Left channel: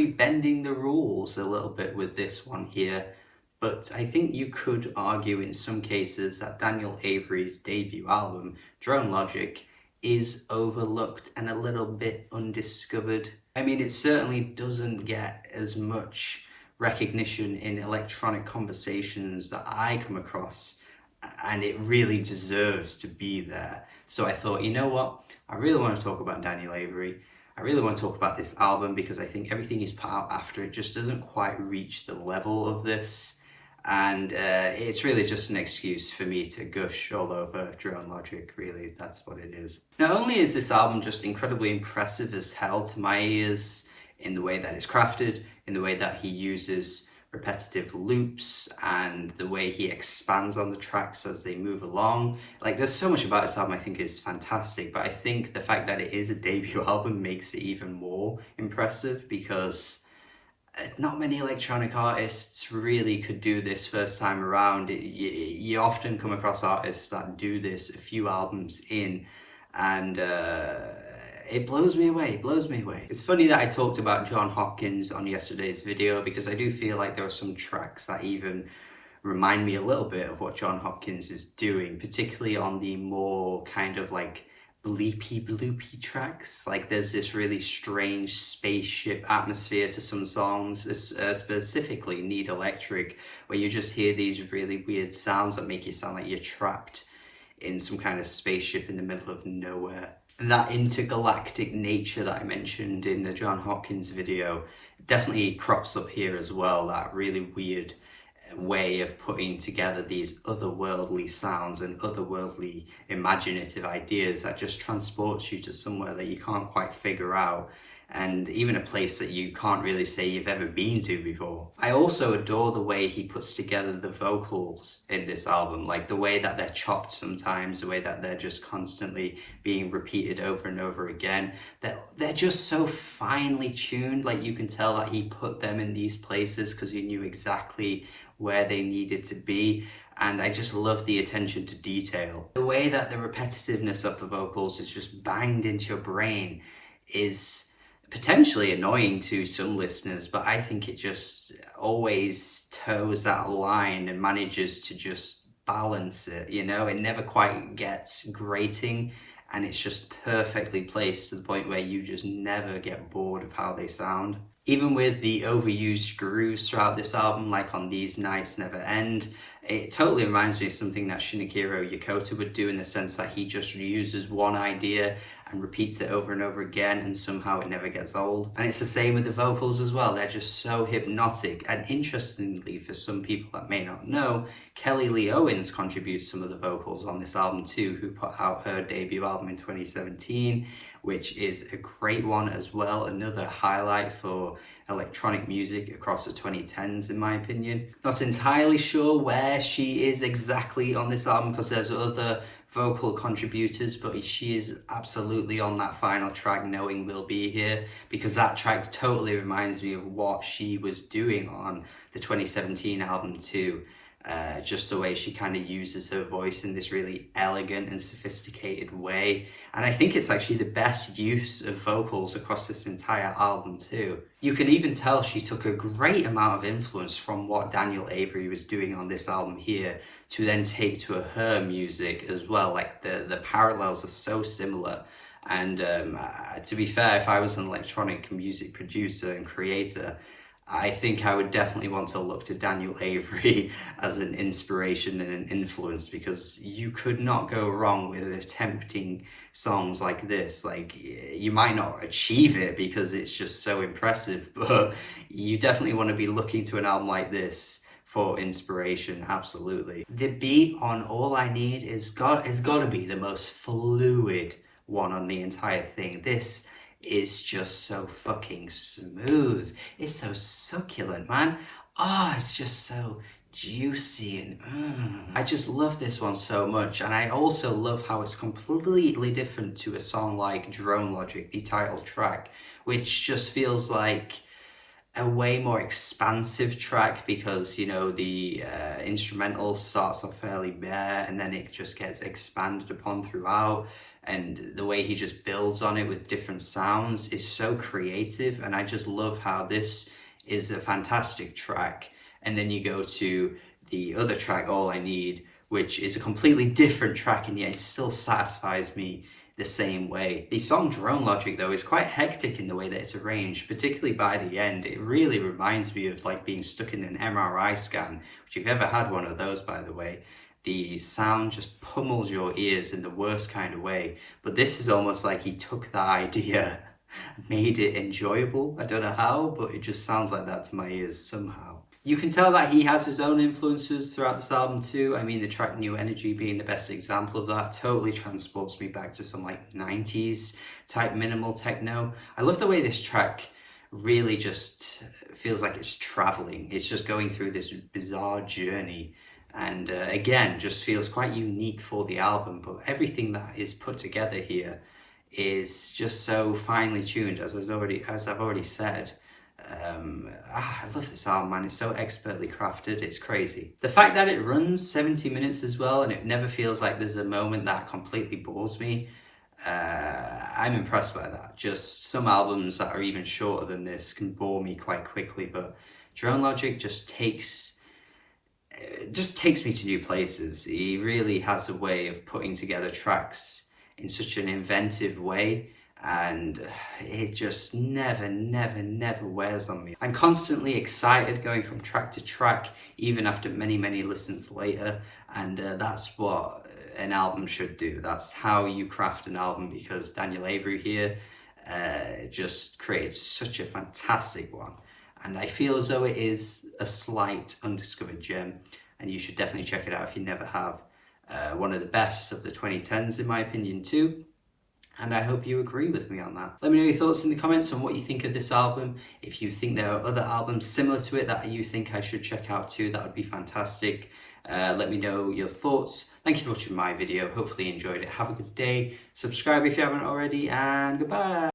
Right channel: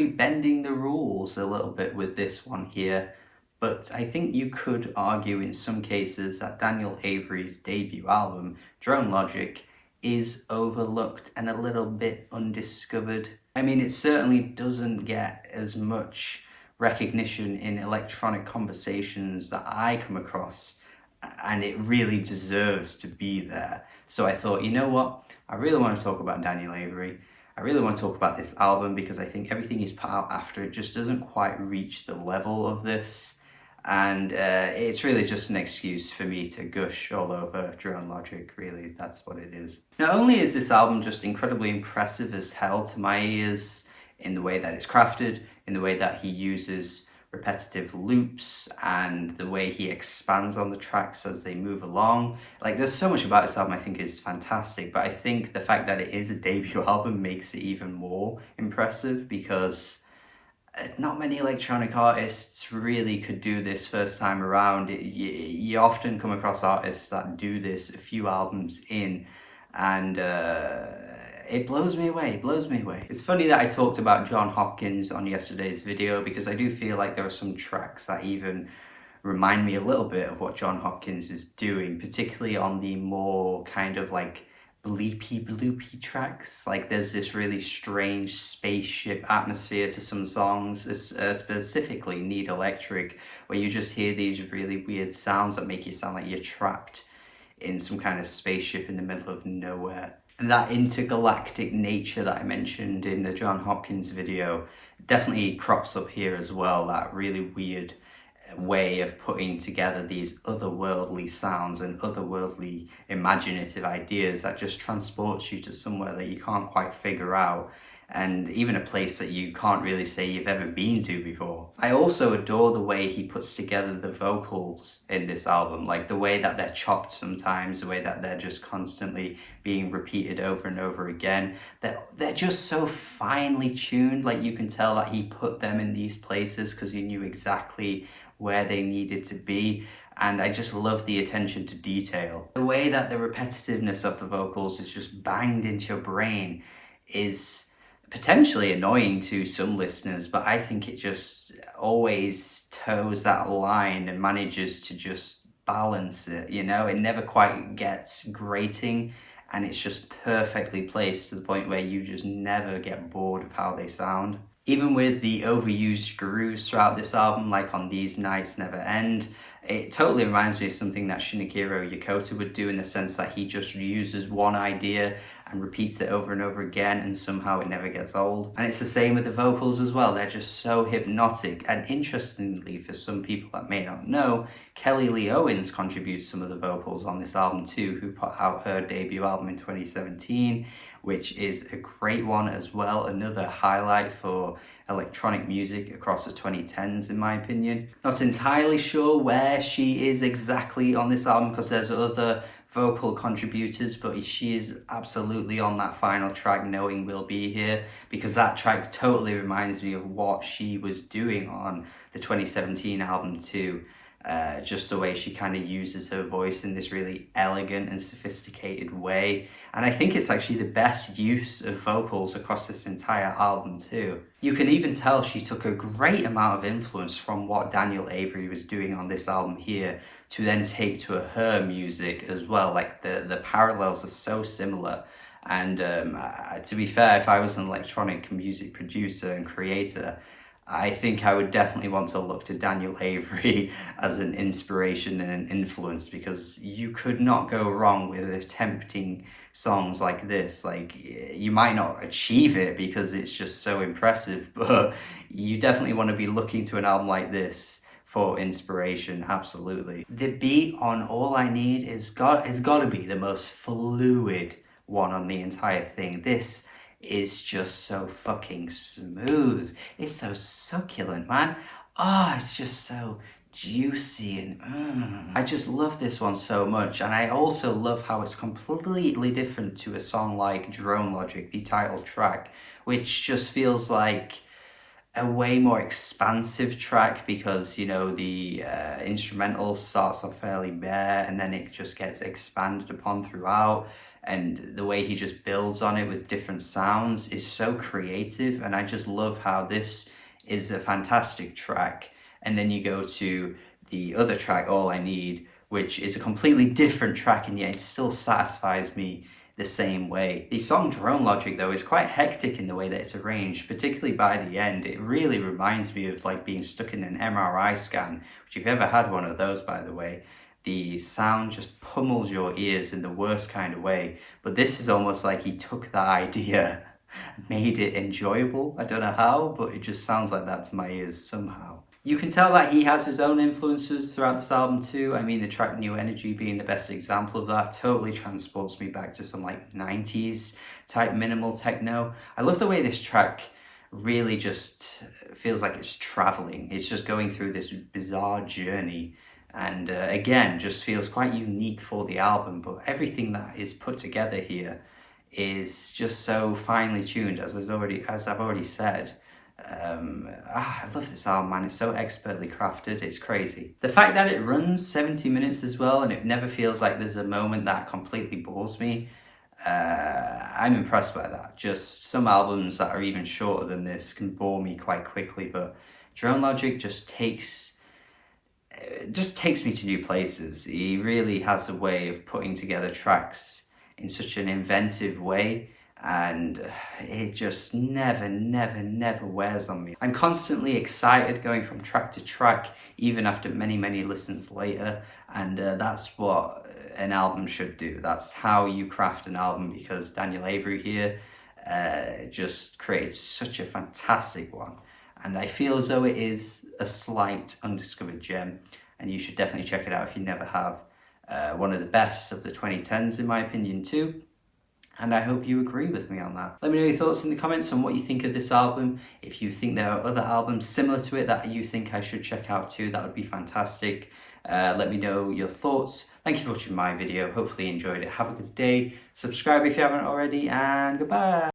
probably bending the rules a little bit with this one here, but I think you could argue in some cases that Daniel Avery's debut album, Drone Logic, is overlooked and a little bit undiscovered. I mean, it certainly doesn't get as much recognition in electronic conversations that I come across, and it really deserves to be there. So I thought, you know what? I really want to talk about Daniel Avery. I really want to talk about this album because I think everything he's put out after it just doesn't quite reach the level of this. And it's really just an excuse for me to gush all over Drone Logic, really. That's what it is. Not only is this album just incredibly impressive as hell to my ears in the way that it's crafted, in the way that he uses repetitive loops, and the way he expands on the tracks as they move along. Like, there's so much about this album I think is fantastic, but I think the fact that it is a debut album makes it even more impressive because not many electronic artists really could do this first time around. You often come across artists that do this a few albums in, and it blows me away, It's funny that I talked about John Hopkins on yesterday's video because I do feel like there are some tracks that even remind me a little bit of what John Hopkins is doing, particularly on the more kind of like bleepy bloopy tracks. Like, there's this really strange spaceship atmosphere to some songs, specifically Need Electric, where you just hear these really weird sounds that make you sound like you're trapped in some kind of spaceship in the middle of nowhere. And that intergalactic nature that I mentioned in the John Hopkins video definitely crops up here as well, that really weird way of putting together these otherworldly sounds and otherworldly imaginative ideas that just transports you to somewhere that you can't quite figure out, and even a place that you can't really say you've ever been to before. I also adore the way he puts together the vocals in this album, like the way that they're chopped sometimes, the way that they're just constantly being repeated over and over again. They're just so finely tuned, like you can tell that he put them in these places because he knew exactly where they needed to be. And I just love the attention to detail. The way that the repetitiveness of the vocals is just banged into your brain is potentially annoying to some listeners, but I think it just always toes that line and manages to just balance it, you know? It never quite gets grating, and it's just perfectly placed to the point where you just never get bored of how they sound. Even with the overused grooves throughout this album, like on These Nights Never End, it totally reminds me of something that Shinichiro Yokota would do, in the sense that he just uses one idea and repeats it over and over again, and somehow it never gets old. And it's the same with the vocals as well. They're just so hypnotic. And interestingly, for some people that may not know, Kelly Lee Owens contributes some of the vocals on this album too, who put out her debut album in 2017, which is a great one as well. Another highlight for electronic music across the 2010s, in my opinion. Not entirely sure where she is exactly on this album because there's other vocal contributors, but she is absolutely on that final track, Knowing We'll Be Here, because that track totally reminds me of what she was doing on the 2017 album too. Just the way she kind of uses her voice in this really elegant and sophisticated way. And I think it's actually the best use of vocals across this entire album too. You can even tell she took a great amount of influence from what Daniel Avery was doing on this album here to then take to her music as well. Like, the parallels are so similar. And to be fair, if I was an electronic music producer and creator, I think I would definitely want to look to Daniel Avery as an inspiration and an influence, because you could not go wrong with attempting songs like this. Like, you might not achieve it because it's just so impressive, but you definitely want to be looking to an album like this for inspiration, absolutely. The beat on All I Need is got to be the most fluid one on the entire thing. This is just so fucking smooth. It's so succulent, man. It's just so juicy and I just love this one so much. And I also love how it's completely different to a song like Drone Logic, the title track, which just feels like a way more expansive track because, you know, the instrumental starts off fairly bare and then it just gets expanded upon throughout. And the way he just builds on it with different sounds is so creative. And I just love how this is a fantastic track. And then you go to the other track, All I Need, which is a completely different track, and yet it still satisfies me the same way. The song Drone Logic, though, is quite hectic in the way that it's arranged, particularly by the end. It really reminds me of like being stuck in an MRI scan, which, if you've ever had one of those, by the way, the sound just pummels your ears in the worst kind of way. But this is almost like he took that idea, made it enjoyable. I don't know how, but it just sounds like that to my ears somehow. You can tell that he has his own influences throughout this album too. I mean, the track New Energy being the best example of that totally transports me back to some like 90s type minimal techno. I love the way this track really just feels like it's traveling. It's just going through this bizarre journey, and again, just feels quite unique for the album. But everything that is put together here is just so finely tuned, as I've already said. I love this album, man. It's so expertly crafted. It's crazy. The fact that it runs 70 minutes as well, and it never feels like there's a moment that completely bores me. I'm impressed by that. Just some albums that are even shorter than this can bore me quite quickly, but Drone Logic just takes me to new places. He really has a way of putting together tracks in such an inventive way, and it just never wears on me. I'm constantly excited going from track to track, even after many listens later, and that's what an album should do. That's how you craft an album, because Daniel Avery here just creates such a fantastic one, and I feel as though it is a slight undiscovered gem, and you should definitely check it out if you never have. One of the best of the 2010s in my opinion too. And I hope you agree with me on that. Let me know your thoughts in the comments on what you think of this album. If you think there are other albums similar to it that you think I should check out too, that would be fantastic. Let me know your thoughts. Thank you for watching my video. Hopefully you enjoyed it. Have a good day. Subscribe if you haven't already, and goodbye.